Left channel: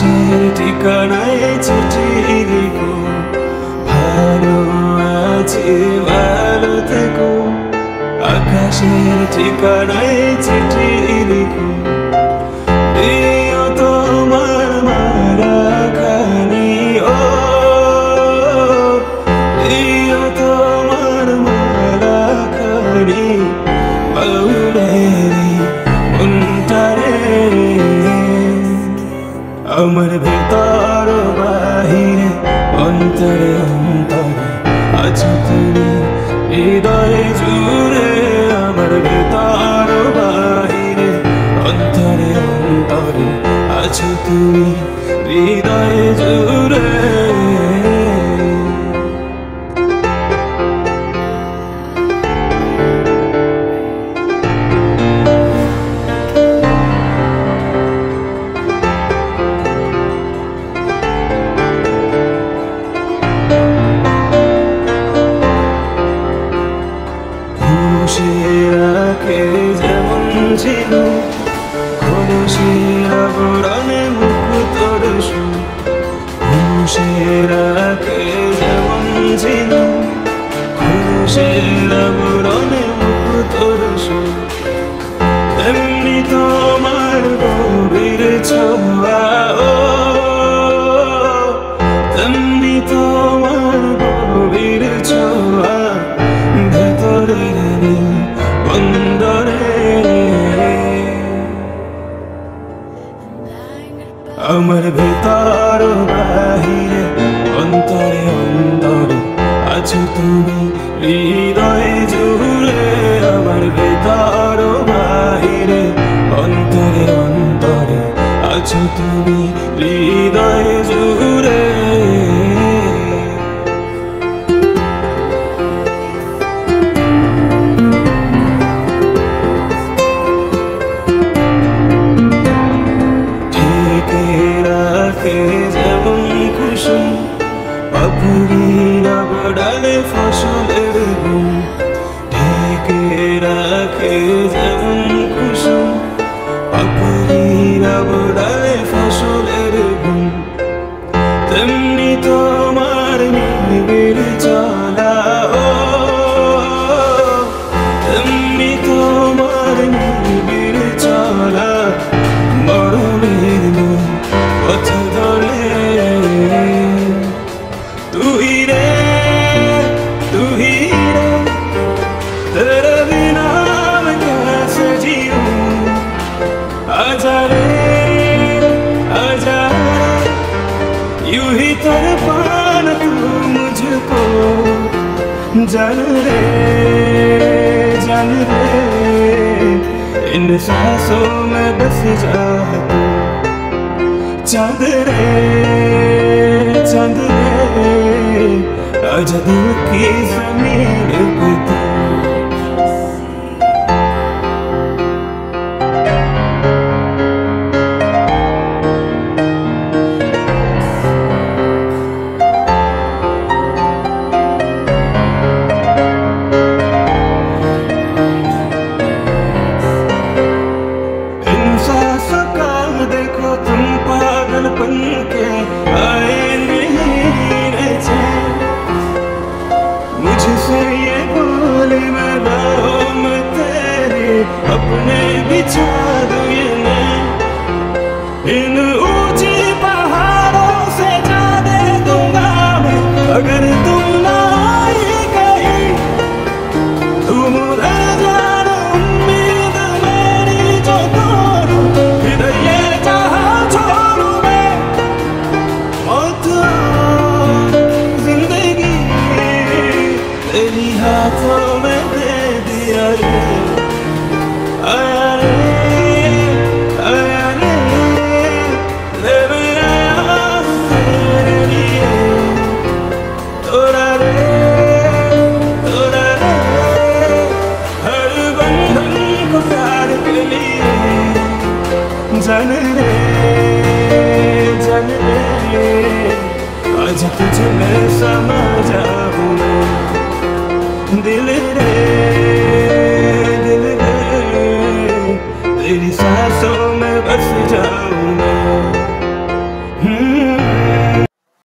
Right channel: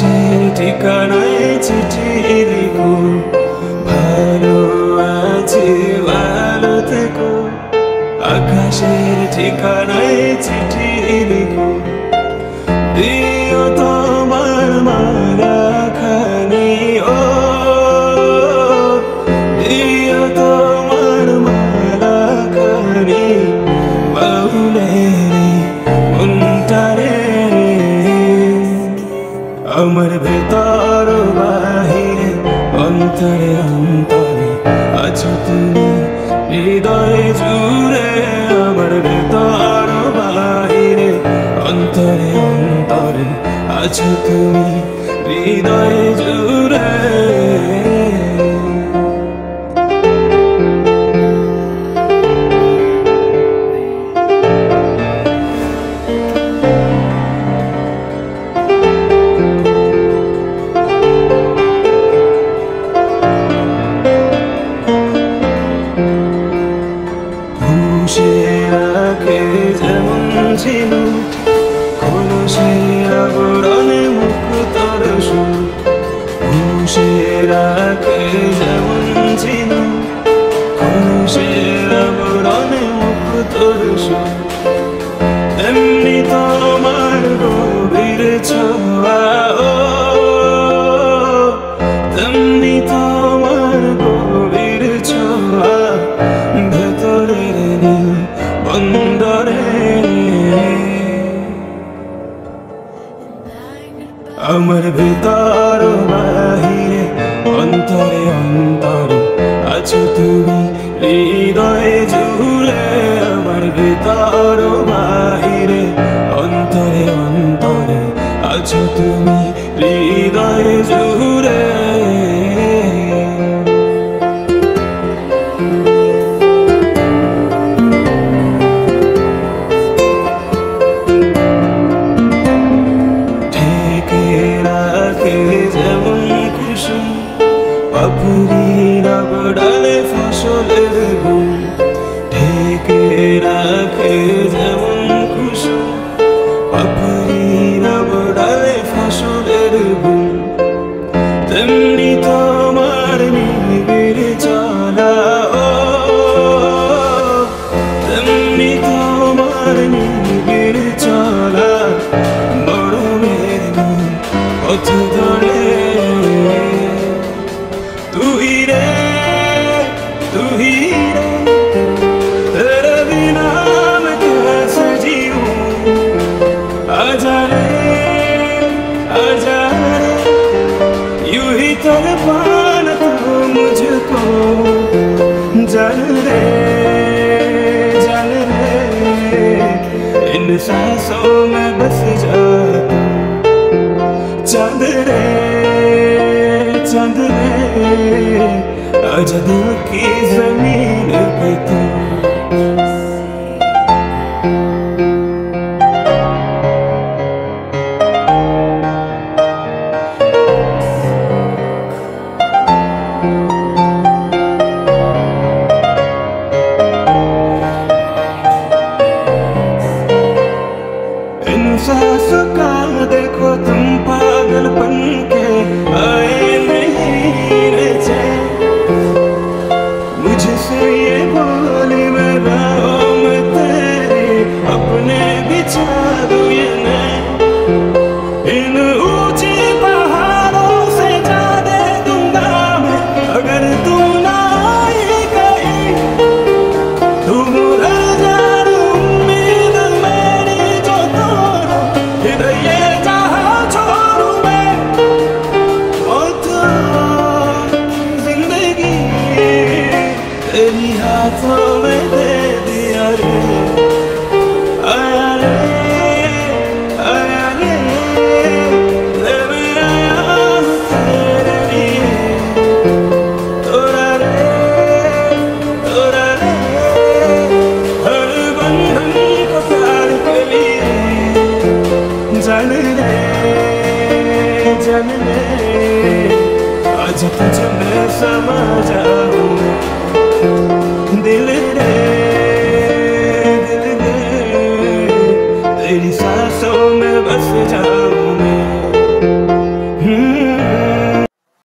আকাশের ঠিকানায় চিঠি লিখো, ভালো আছি ভালো থেকো। আকাশের ঠিকানায় চিঠি লিখো, দিও তোমার মালা খানি, ও দিও তোমার মালা খানি মৌলের মনটারে। আমার ভেতর বাহিরে অন্তরে অন্তরে আছো তুমি হৃদয় জুড়ে। আমার ভেতর বাহিরে অন্তরে অন্তরে আছো তুমি হৃদয় জুড়ে। খুশির আগে যেমন ছিল, খুশির আবরণে মুখ তরসু। খুশির আগে যেমন ছিল, খুশির আবরণে মুখ তরসু। তেমনি তোমার গভীর ছোঁয়া, তেমনি তোমার গভীর ছোঁয়া ভেতরে বন্দরে। আমার ভেতর বাহিরে অন্তরে অন্তরে আছো তুমি হৃদয় জুড়ে। আমার ভেতর বাহিরে অন্তরে অন্তরে আছো তুমি হৃদয় জুড়ে। যেমন কুসুম পাপড়ির আবডালে ফসলের গুণ, ঢেকে রাখে যেমন কুসুম পাপড়ির আবডালে ফসলের গুণ। তেমনি তোমার নিবিড় চলা, তেমনি তোমার নিবিড় চলা মরণের গুণ পথ ধরে। তুই রে তুই রে, तेरे बिना मैं कैसे जीऊं। आजा रे आजा, यूं ही तड़पाना तू मुझको। जान रे इन सांसों में बस जा तू। चांद रे चांद रे, आज दिल की जमीन पे तू। इन सांसों का देखो तुम पागलपन के आए नहीं रचे। मुझसे ये बोल मिलाओ मैं तेरे अपने बिछा दूं ये मैं। इन ऊंची पहाड़ों से जा दे दूंगा मैं, अगर तू ना आई कहीं। तू मुझे जान उम्मीद मेरी जो तोड़ूं, इधर ये जहां छोड़ूं मैं। मौत जिंदगी तेरी हाथों में दे दिया रे। आया रे आया रे, ले मेरा तेरे लिए। तोड़ा रे हर बंधन को प्यार के लिए। जान रे आज तुझ में समा जाऊं मैं। दिल रे तेरी सांसों